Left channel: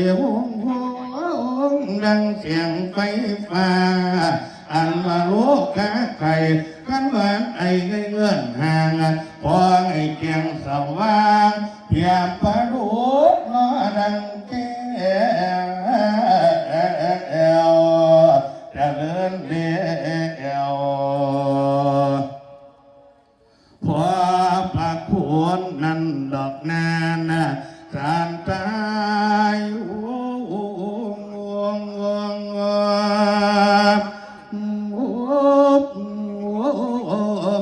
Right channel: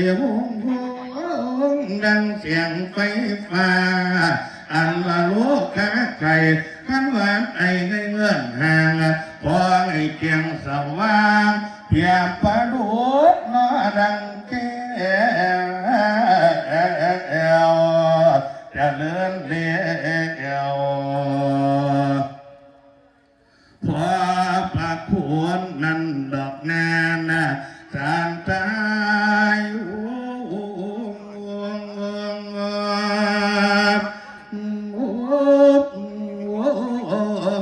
จ้าใจหงหงดังเสียงไฟฟ้าอันว่าลูกกาไข่ขันว่าไอ้ในเงื่อนห่างพอไอ้เกียงสว่างเพียงประดู โอ้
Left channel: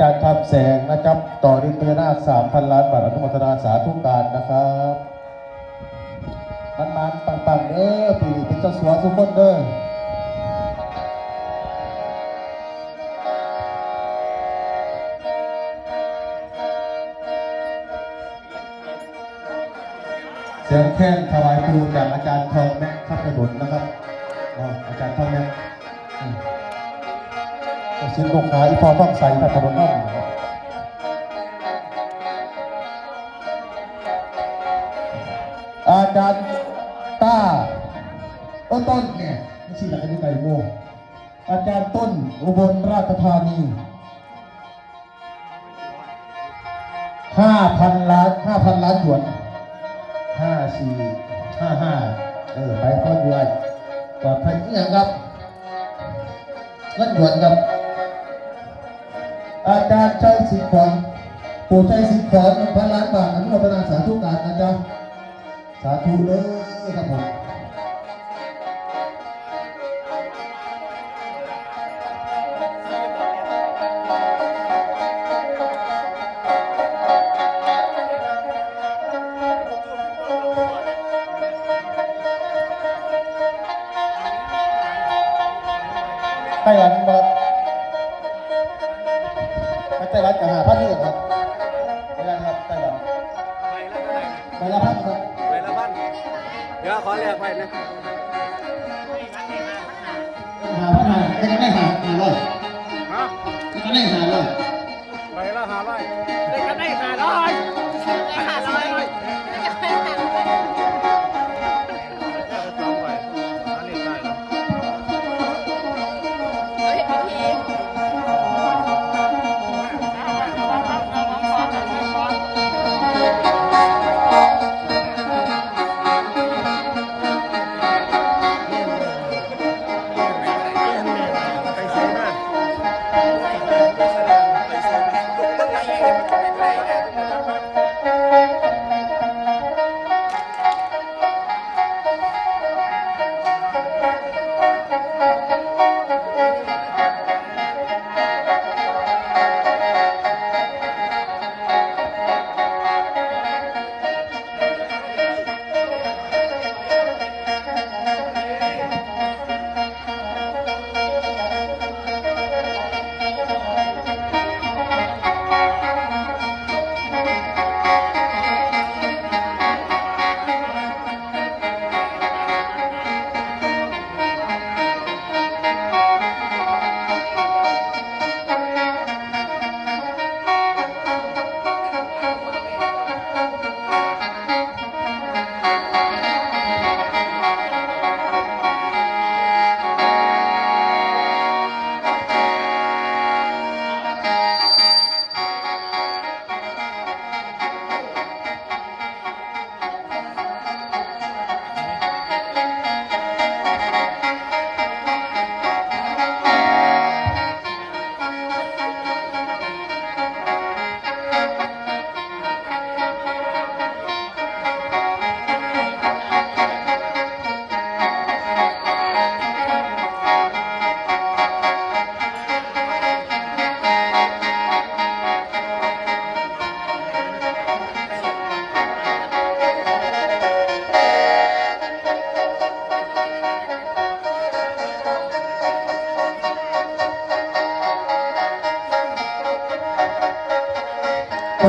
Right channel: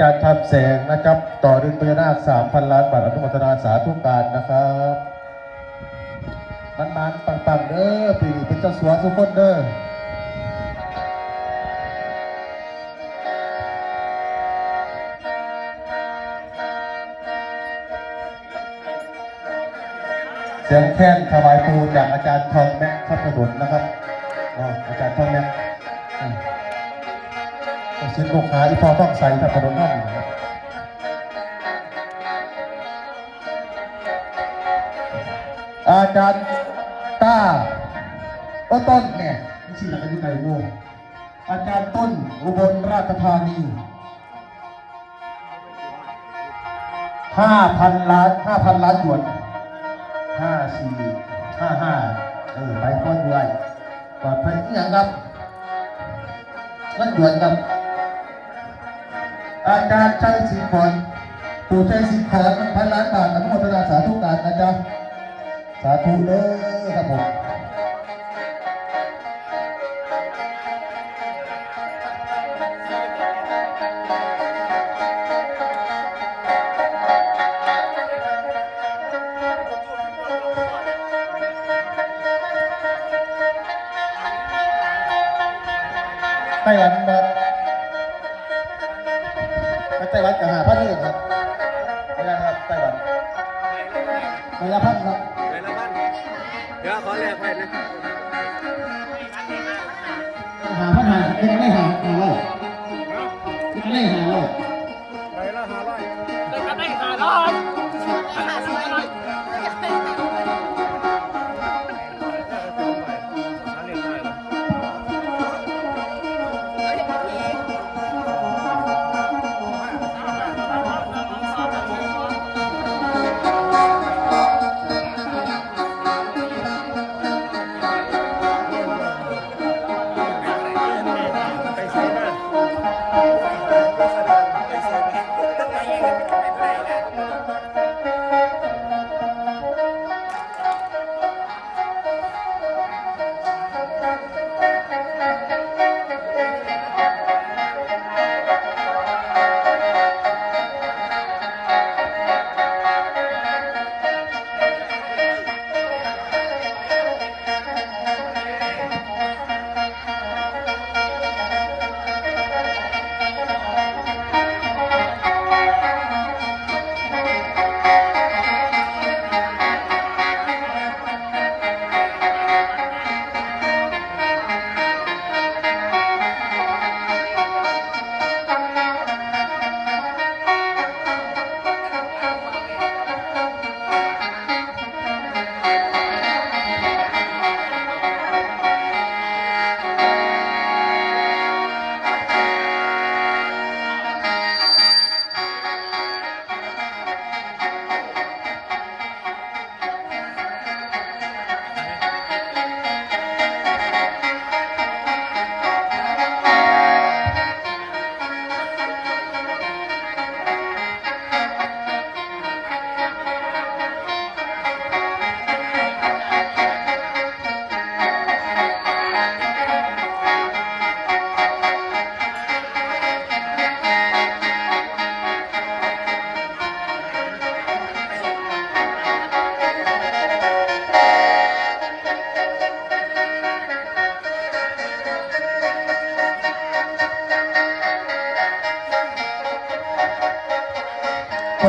จารย์ทำแสงนะครับ ต่อด้วยเปราสามพันล้านบาทอนุโมทนาสาธุการนะครับมันมันๆปังๆเด้อปีนี้เป็นเจ้าสัวสุกคนเด้อเสียงแค้นถวายครูจากอาจารย์ทองแม็กพัฒนนนะครับอ๋ออาจารย์ทองแม็ก สินโกขาอีพอฟังใสพระพนมนั่นนะครับอาจารย์ต้าโอต้นเนี่ยไม่ใช่หลักอธิการโมอาจารย์ต้นอุบลราชธานีห้าพันล้านห้าพันล้านหยวนห้าสี่ห้าห้าเออไปพ่ออยู่ไรปลอดภัยที่ยังครับเงินหยวนครับ อาจารย์ชัยสิงห์ขอนปู่ชัยสิงห์ขอนพันล้านบาทอนุโมทนาสาธุการนะจ๊ะสาธุเลยครับผมไต้หวันบอก ต้หวันกับหาพันนี่ก่อนครับไม่ได้ครับไต้หวันไปละพันครับไปละพันเดี๋ยวขอแลกไปนะหาพันหายังไม่หาหาเลยฮะยังไม่หาเลยไปละห้าร้อยจะได้ห้าร้อย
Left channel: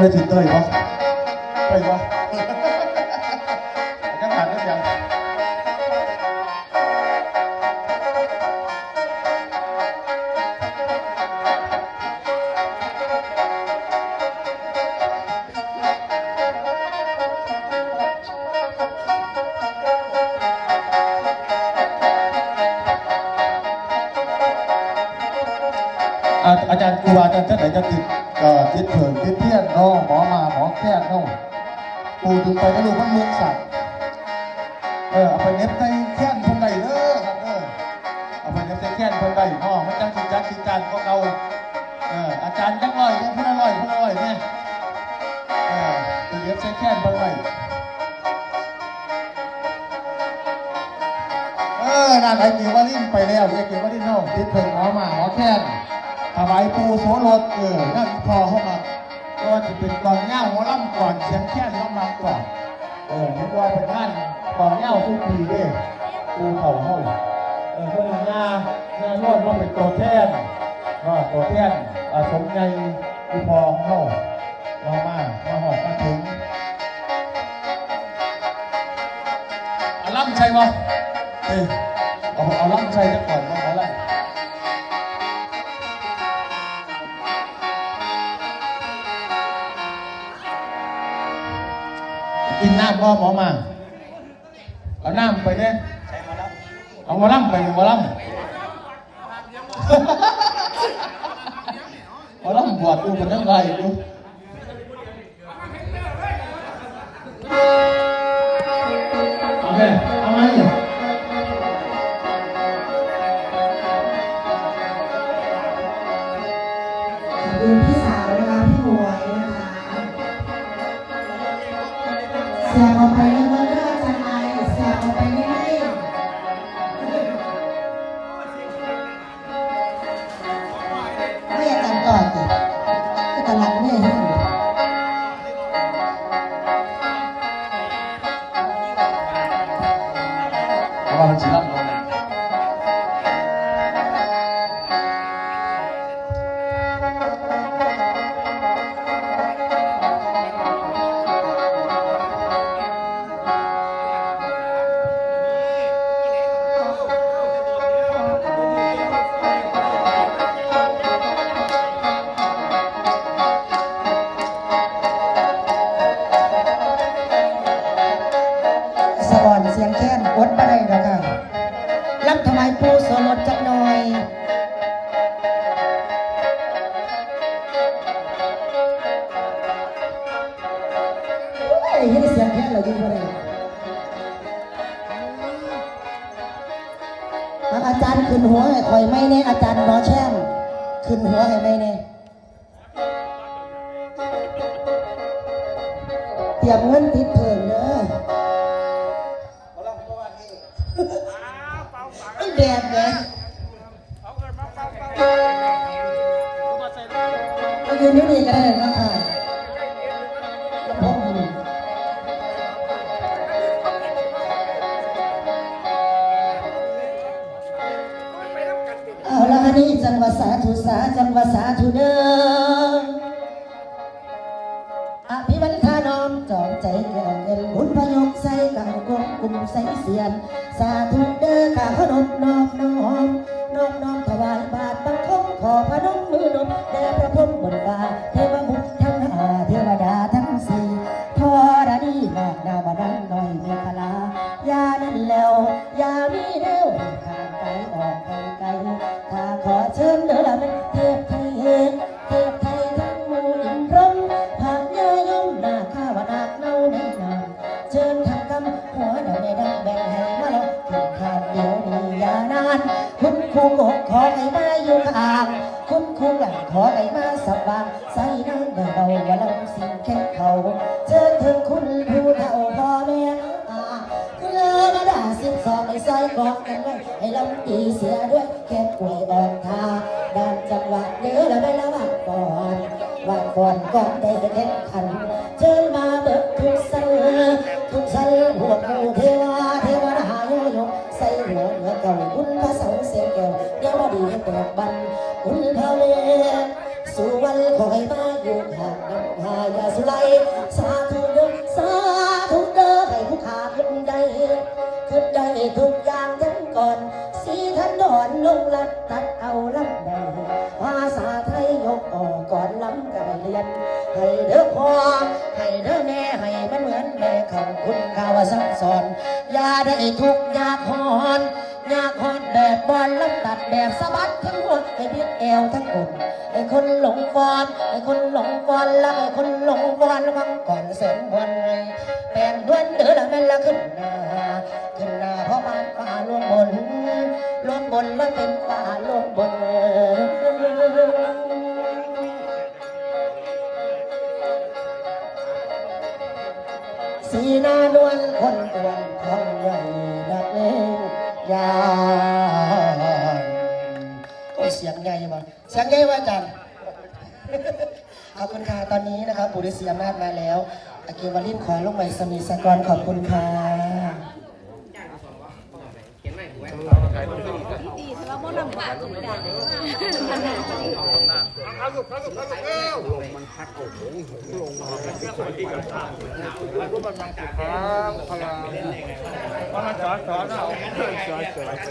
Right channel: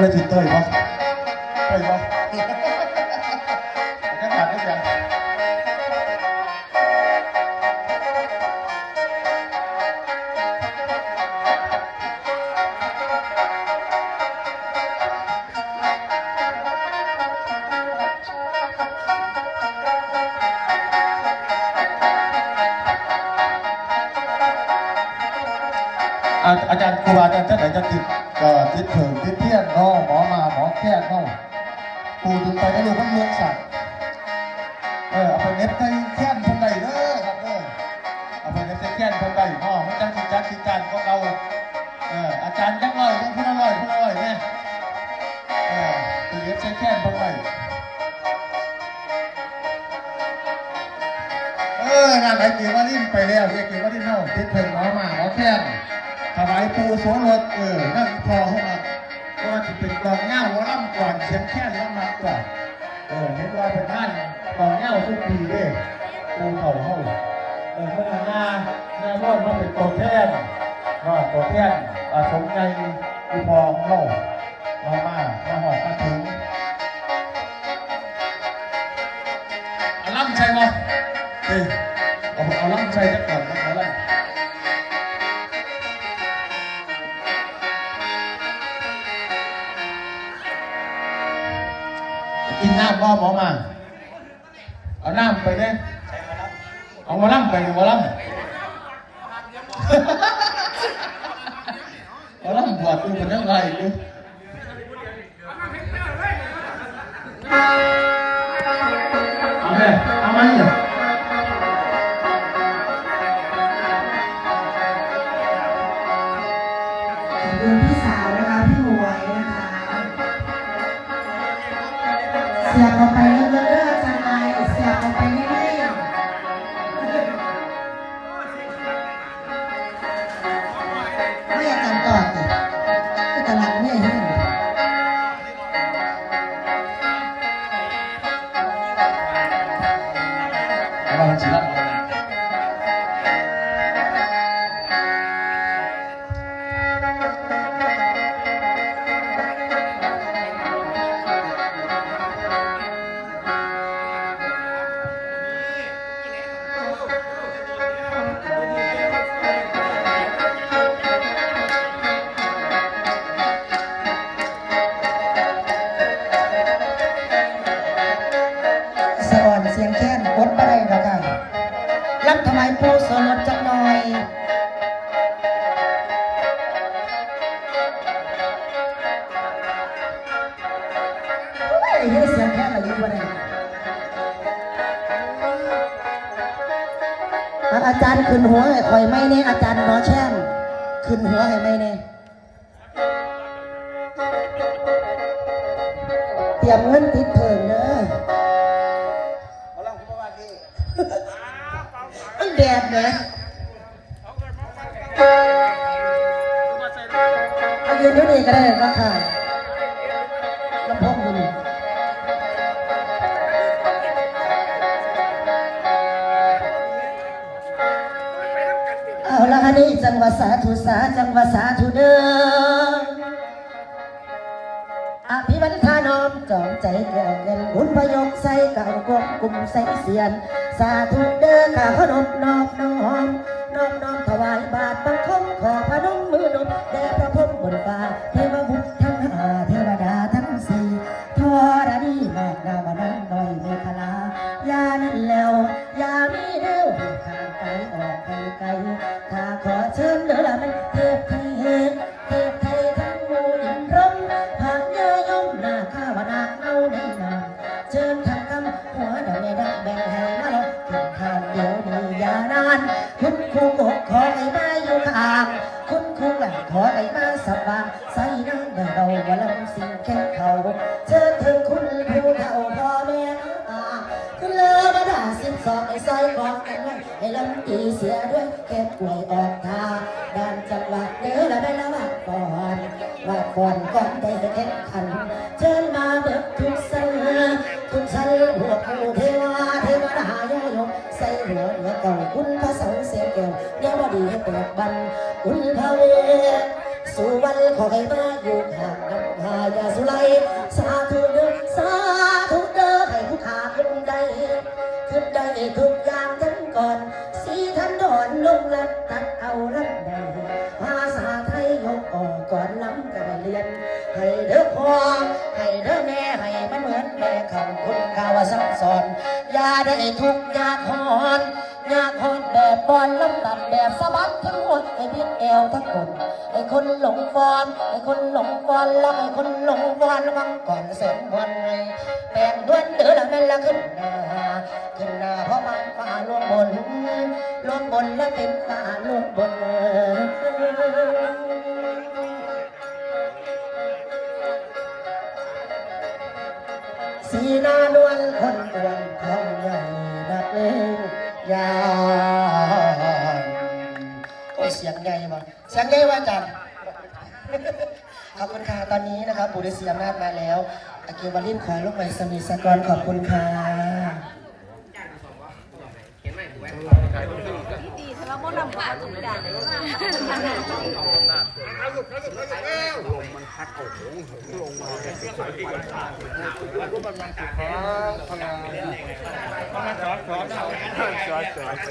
ได้ถึงเตยปะเตยปะจังหวัดได้ยังอาจารย์ครูบาอาจารย์ท่านไหนจะติดเอ่อติดเผิงติดเพี้ยนเนาะหมอมาหมอแค่เนาะปูถึงไปก็รู้ว่าเมืองสัตว์เออเอาไปเน็บในแค้นคนใดเด้อครับเด้อเอาไปเน็บในแค้นคนใดเนาะมันจังสิจักสิการของเราเอออาจารย์จังร้อยจังพูดอร่อยพูดอร่อยแน่เออไปเน็บในแค้นคนใดเออนั่นไอ้เกียวว่าลิ้นไปแล้วไอ้เกียวว่าลิ้นเนาะติดเผิงหมอมาหมอแค้น วายปูโสรถเออนั่นพอเข้ามาก็จะเป็นกองเงาหัวล่ำก่อนเสียงแค่ล่ำมาก่อนเออนึกว่าเป็นท่นกองเงาทุกปีเด้ปูเข่าเข้าเออเพื่อนหน้าหน้าโนดมาเป็นตัวแทนว่าตัวแทนอาสมในอุปองเข้ามามามาหอดมาถึงเอาล่ำใช่ปะเอ้ยเอาเอาล่ำใช่จะก่อนมา นน้ำบ่หมอมา เอาน้ำไปเนี่ยเอาหมาล่ำไปหมาล่ำหมาล่ำบวชดูมันยังไงดูเอาไปเอาไหม ผู้สรสจักหน่อย ไอ้ที่เสียงแค่อะไรอยู่บ่ได้แล้วอาจารย์ขึ้นหัวให้คอยไม่เนี่อาจารย์หมอแช่มขึ้นหัวให้ไม่เนี่ ยืนอยู่นี่ก็ได้นะค่ะลำโพงอยู่นี่เอาละอันนี้จังหวัดสาธุสาจังหวัดสาธุเด้ออภิวันทานอมจอมใจแก้วเงินบุญพยกใส่กาวกบกลุ่มใส่เสียน สาธุเด้อข้าพนม ค่ป่วยอกทาด้านจังหวัดเด้อละได้ละวัดก่อนวัดก่อนก่อนได้แข่งขันเชิญมาเบิดทุกทุก เขาคุณข่าวซับซ้อน อย่าได้ทุกข์อยากหอนอยากหอนแบบบอลลำตัดแบบสะบัดทั้งหมดให้พิษแอวทั้งคนไอ้คนหลงฟอนไอ้คนหลงฟอนแล้วไอ้คนหลงฟอนวังก่อนเสริมวันไงแบ่งด้วนเดือละแม่ละขึ้นหน้าขึ้นหน้าเพราะมันฟ้าลวงบนลวงบนแล้วเป็นฟ้าลวงบน สีหน้านวลคนเตือนทองใหญ่นักเล่นยานโอ้ยเสียงใหญ่มาเสียงใหญ่ว่าจังขอบคุณค่ะตอนนี้นะครับบุริเสียมนาจมาแล้วอากิวาลินขอลงใหม่สนิทสกรขอบคุณค่ะ ดีแต่ ว่าโมมันำปากสุดาเลยรูปกำลังสุดท้ายพลังมันมาจอดจอดเอมเขาจอดจอดป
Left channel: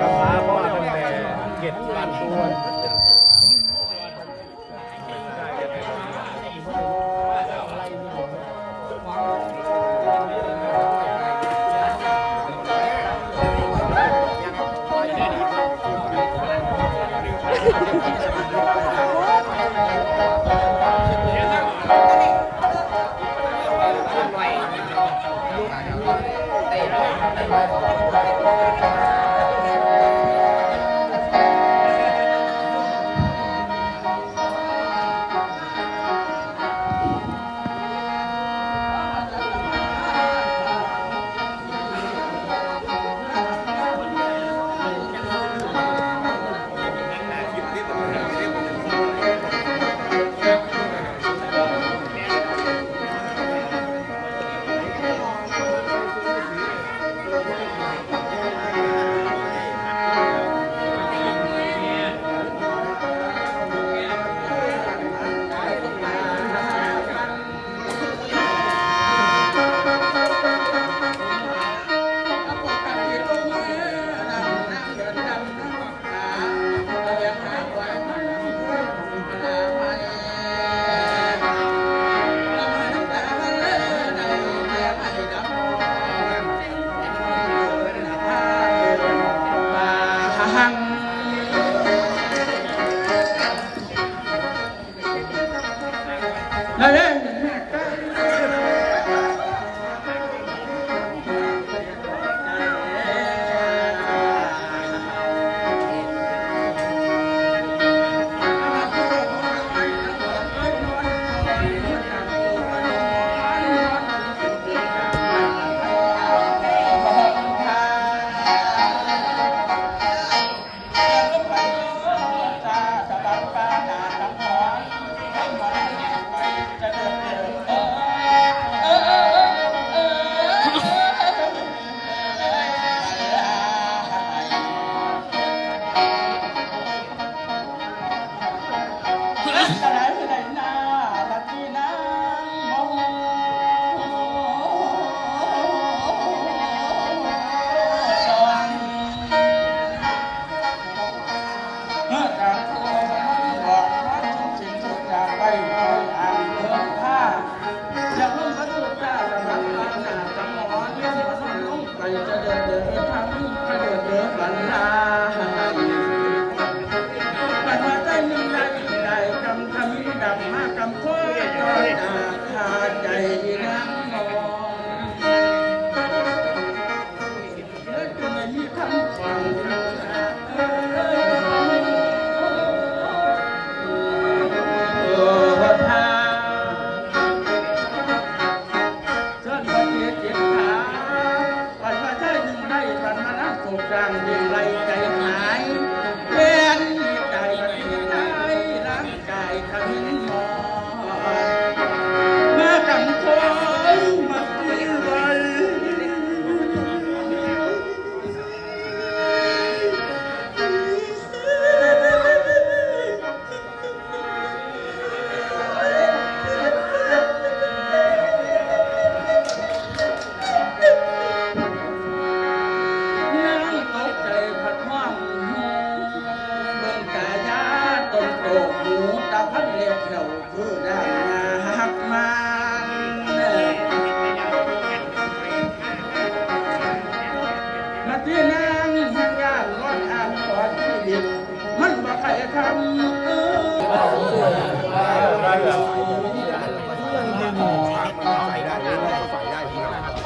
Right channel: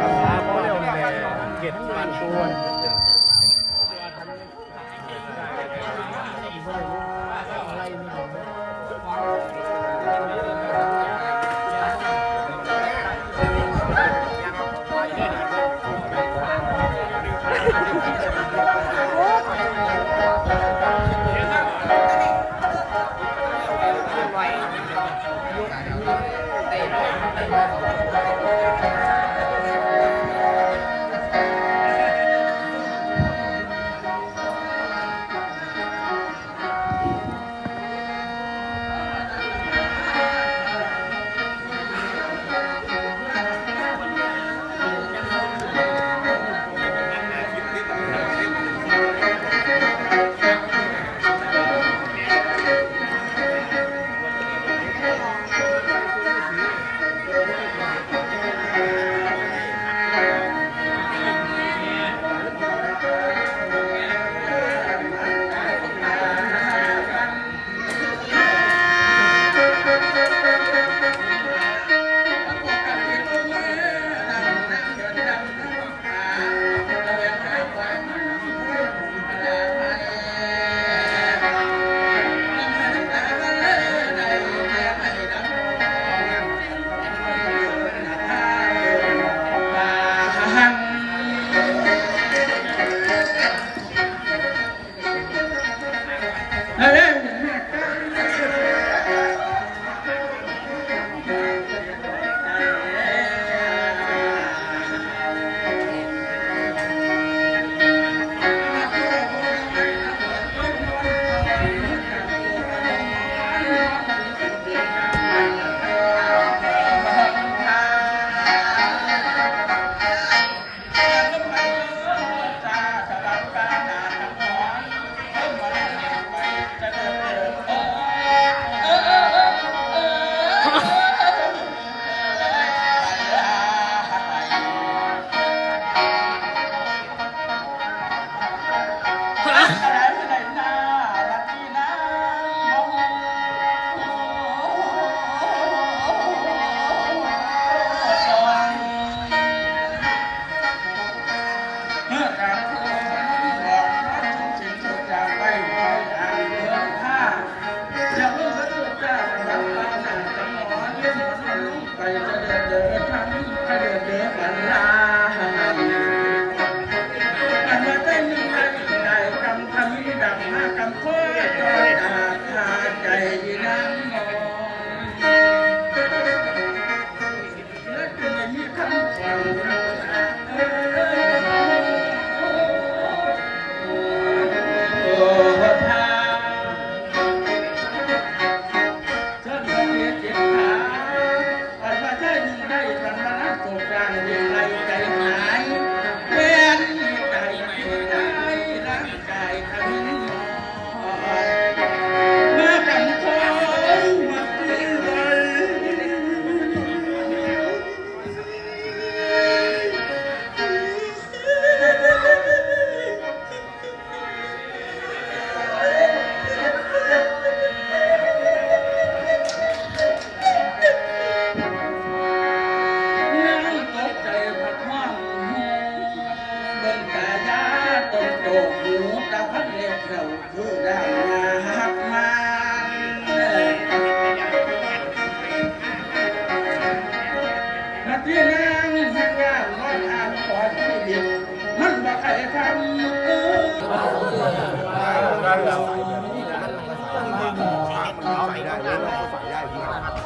กำพร้าพ่อตั้งแต่เก็บปันตัวก Thank you.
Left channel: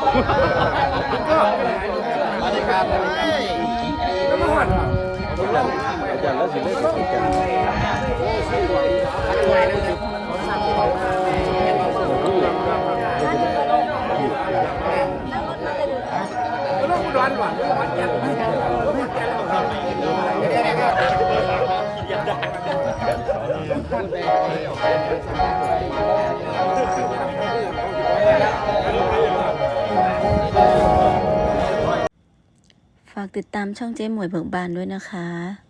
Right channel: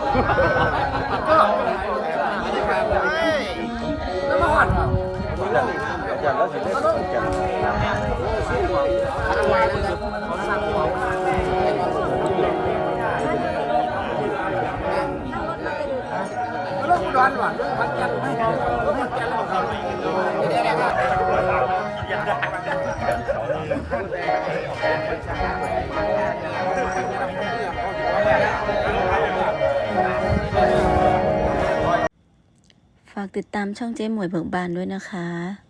สวัสดีครับสวัสดีครับมาหอนผมลงผมลงร้อนหวานร้อนแก่ร้อนแก่ร้อนแก่ ฝากติดตามช่องเจ๊หมวยเบิกบานด้วยนะคะ